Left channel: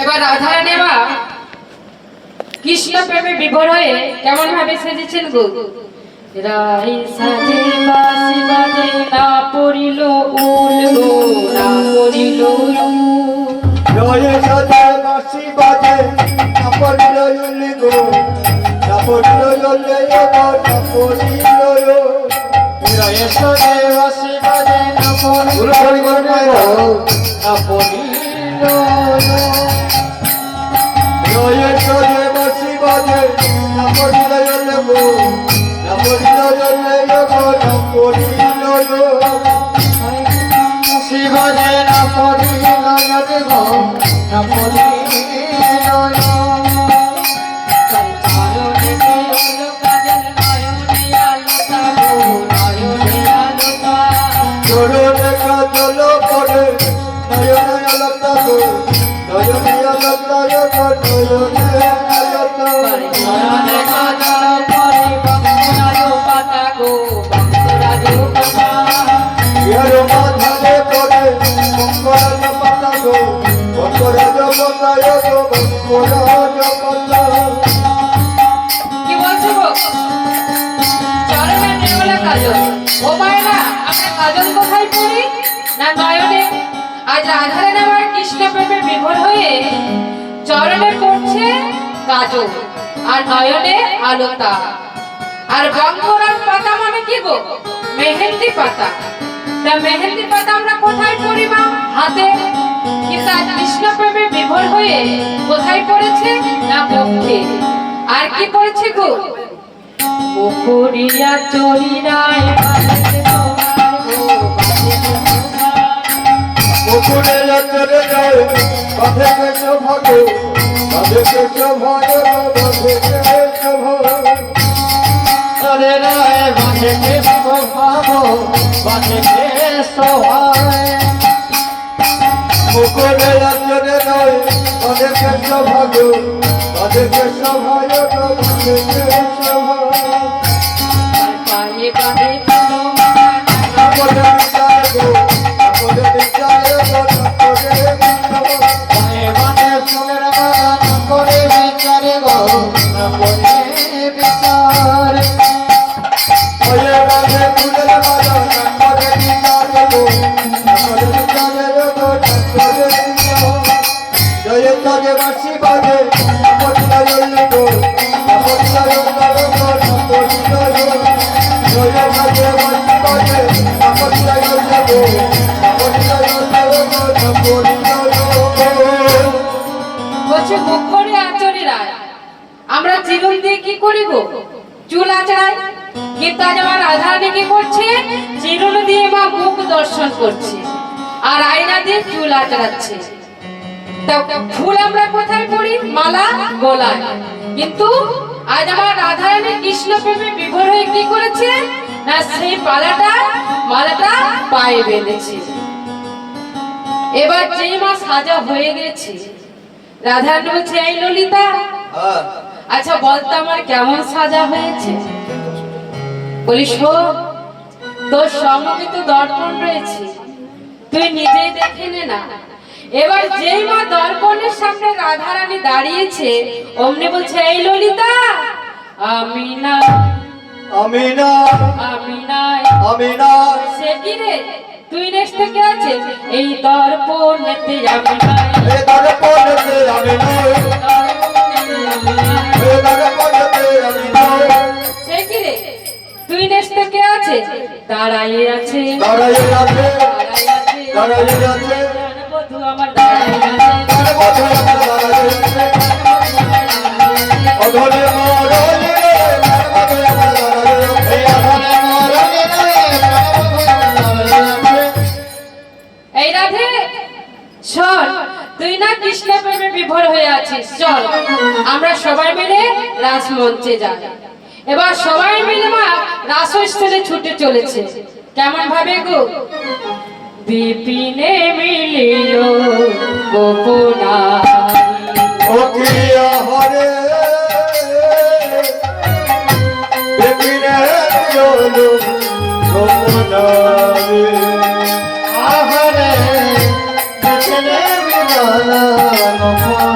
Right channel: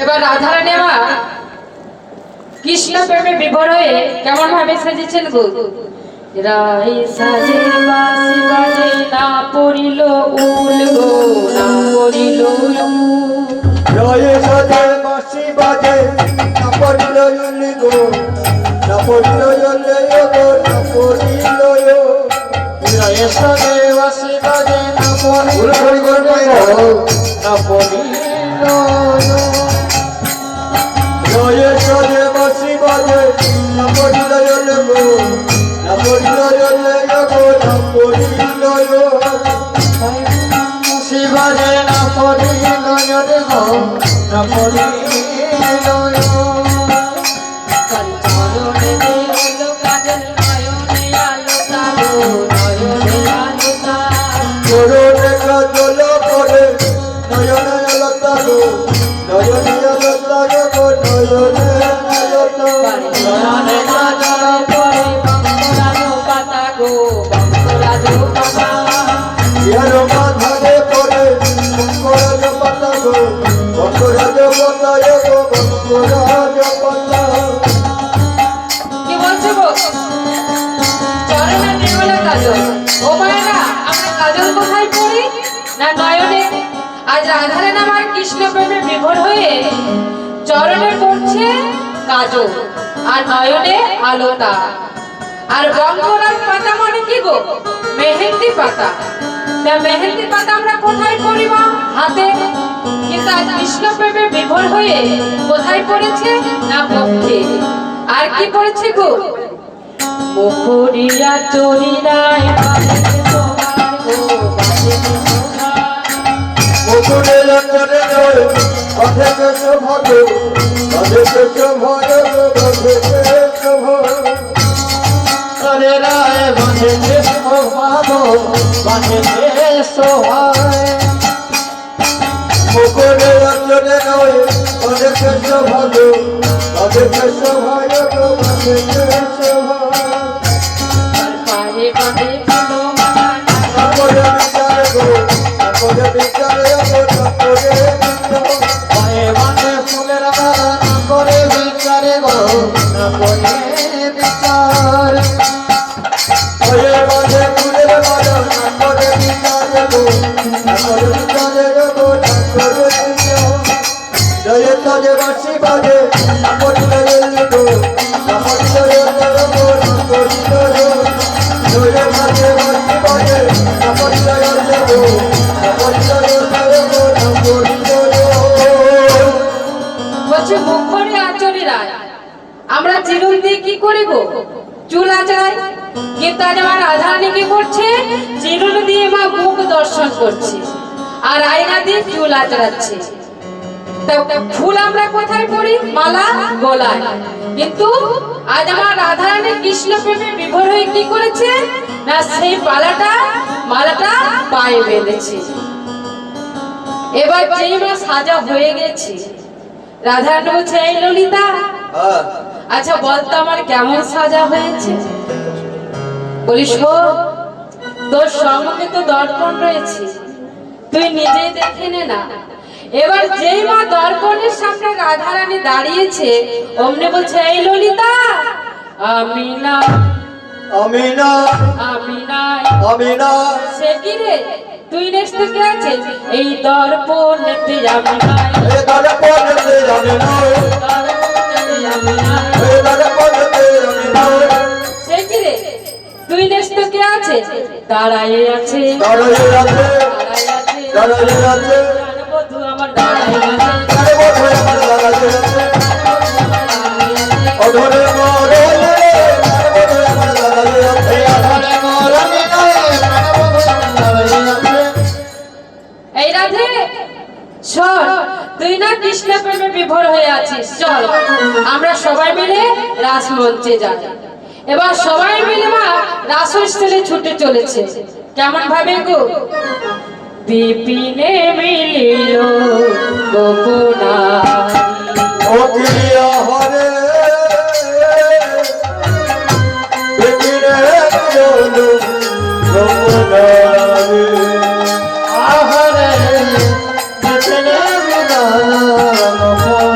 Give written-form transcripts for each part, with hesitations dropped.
এবার রাধারানী মা কৃষ্ণ প্রেমে বিভোর হয়ে কেমন ভাবে সেজেছেন গো। রাই সাজে বাসি বাজে না পড়িল উল গো, না পড়িল উল। রাই সাজে বাসি বাজে না পড়িল উল গো, না পড়িল উল গো, না পড়িল উল। রাই সাজে বাসি বাজে না পড়িল উল গো, না পড়িল উল। রাই সাজে বাসি বাজে না পড়িল উল গো, না পড়িল উল গো, না পড়িল উল। শিবাজে না পড়িল গো, না পড়িল উল। চরণে কাজল পড়ে নয়নে আলতা গো, নয়নে আলতা গো, নয়নে আলতা। চরণে কাজল পরে বঙ্গরাজু পাতা গো, বঙ্গরাজু পাতা। ইহার মাথায় পড়ে বঙ্গরাজ পাতা গো, বঙ্গরাজ পাতা গো, বঙ্গরাজ পাতা। কি বলছো গো? চরণে নির্মলা কাজল। ও মায়েরা, আমরা কাজল কোথায় পড়ি? না নয়নে। আজ রাধারানী আমার কৃষ্ণ প্রেমে বিভোর হয়ে চরণে পড়ছে কাজল আর নয়নে আলতা। আর বঙ্গরাজ পাতা মানে কি গো? মেহেন্দি পাতা। তা মেহেন্দি পাতা আমরা কোথায় পড়ি মা? হাতে। কিন্তু আজ কৃষ্ণ প্রেমে বিভোর হয়ে কোথায় পড়েছে? না মুখে। আর কি পড়েছে গো? মুখুরিয়া চরিরায় বাজে তোমার গো, বাজে তোমার। মুকুটে চরে যায় বাঁধে শোভা গো, বাঁধে শোভা গো, বাঁধে শোভা। চরে যায় বাঁধে শোভা গো, বাঁধে শোভা। মুকুটে চরে যায় বাঁধে শোভা গো, বাঁধে শোভা গো, বাঁধে শোভা। আর পায়ে বাঁধে তোমার করে বিচার গো, করে বিচার গো, করে বিচার। পায়ে বাঁধে ফুলের বাগান করে বিচার গো, করে বিচার। পায়ে বাঁধে ফুলের বাগান করে বিচার গো, করে বিচার গো, করে বিচার। জয় সাজে বাঁশি বাজে পড়িল উল গো, পড়িল উল গো, পড়িল উল। জয় সাজে বাঁশি বাজে পড়িল উল গো, পড়িল উল গো, পড়িল উল। বলছে মুখরে আচরি রায়। আমরা চিরুন দিয়ে কি করি গো? চুল আঁচড়াই। কিন্তু আজ আমার রাধারানী কি করছে? চিরুন দিয়ে মা মুখ দর্শন করছে আর আয়না দিয়ে চুল আঁচড়াচ্ছে। তা ফুল আমরা কোথায় পরি? মালা গলায়। কিন্তু আজ আমার রাধারানী কৃষ্ণ প্রেমে বিভোর হয়ে কি করেছে? না সেই মালাটা পায়ে বেঁধেছে। এবার যেই মা সাজা হয়ে গেছে, রাধারানী বলছে, এই ললিতা, আচ্ছা বলতো আমার কেমন সাজা হয়েছে? বলি শোন, তোর সঙ্গে তো দর্পণ রয়েছে, তুই নিজেই দেখে নে না। এবার যেই মা দর্পণের সামনে রাধারানী দাঁড়িয়েছে, অমনি বলছে, এই ললিতা, আমি না, আমি না, আমি নাই, আমি না। সে কি রে? তুই নেক্সট কে আছে? এই দর্পণেতে আমি নাই, এ দর্পণেতে আমি নাই, দর্পণেতে আমি নাই। এ দর্পণেতে আমি নাই। সে কি রে? তুই নেক্সট কে আছে? দাঁড়াই আছে, দাঁড়াই আছে, দাঁড়াই আছে, দাঁড়াই আছে। বধু আমার দাঁড়াই আছে, আরে বধু আমার দাঁড়াই আছে। অধরে মরণে বধু আমার দাঁড়াই আছে। অধরে মরণে বধু আমার দাঁড়াই আছে। এই রাধে শোন, তুই না কৃষ্ণ প্রেমে বিভোর হয়ে আছিস। চল আমরা সবাই মিলে রাস মঞ্চে যাই। এবার সবাই মিলে মা রাসস্থলে ছুটে চলেছে। কেমন ভাবে গো? বিপিনে মিলিল গোপনারি, ও প্রিয় হরে বিপিনে মিলিল গোপনারি। আহরে বিপিনে মিলিল গোপনারি।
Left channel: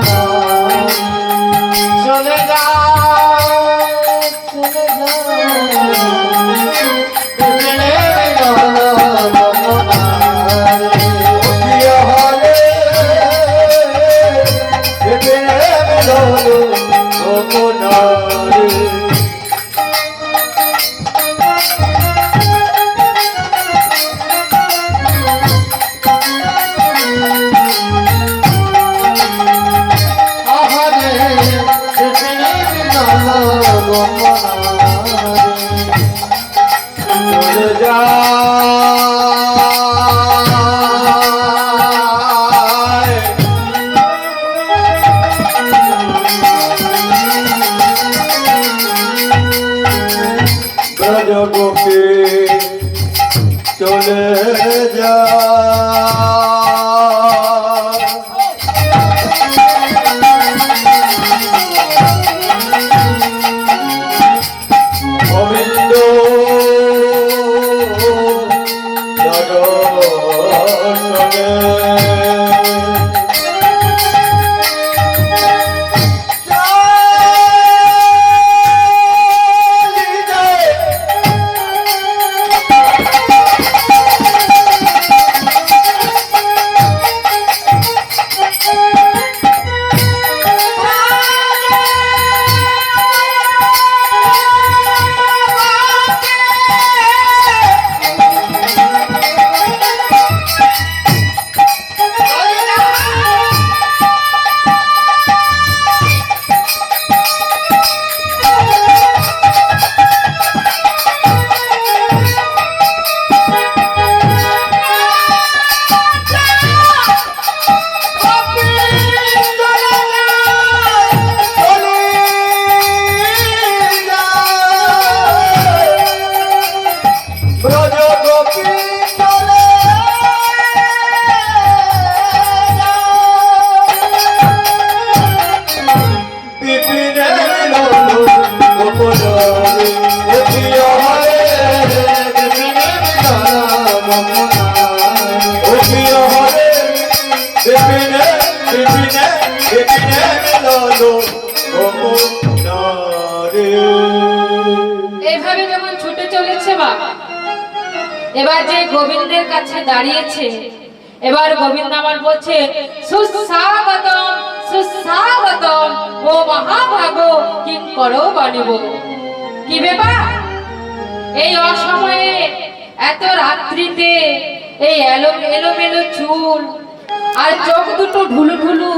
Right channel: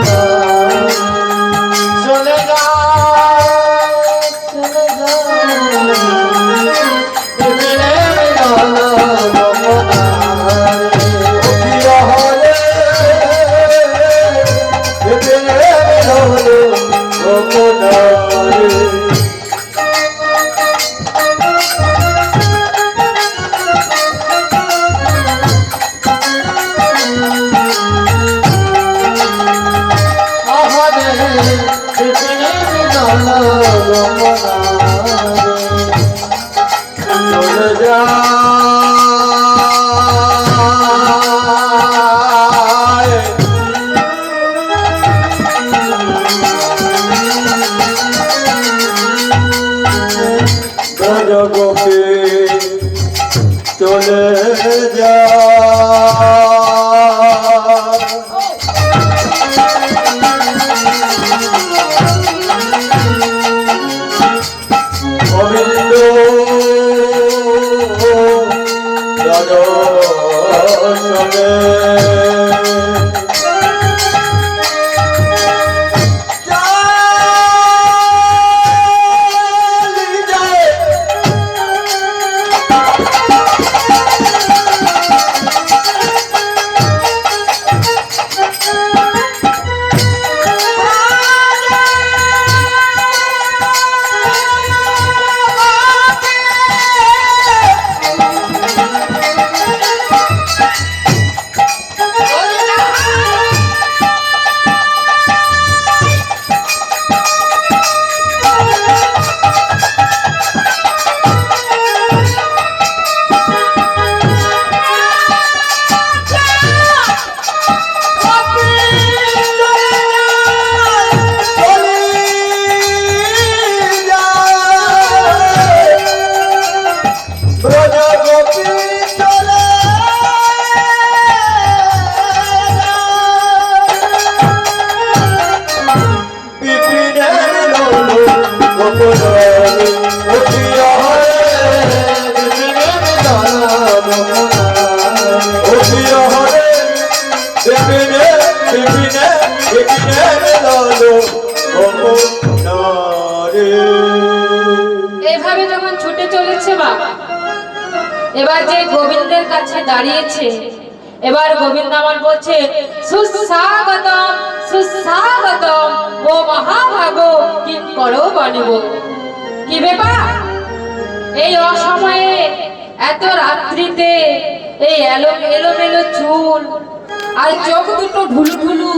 এইভাবে যখন ছুটে চলেছে মা, এবার যে গোবিন্দের কাছে দাঁড়িয়েছে, এবার গোবিন্দ আমার বলছে সুস্বাগতম সুস্বাগতম ও মহাভাগ কি করো বানিব। কি ব্যাপার, এই অসময়ে এত রাত্রিতে এই এলোমেলো চুল আর চোখ দুটো ঢুলু ঢুলু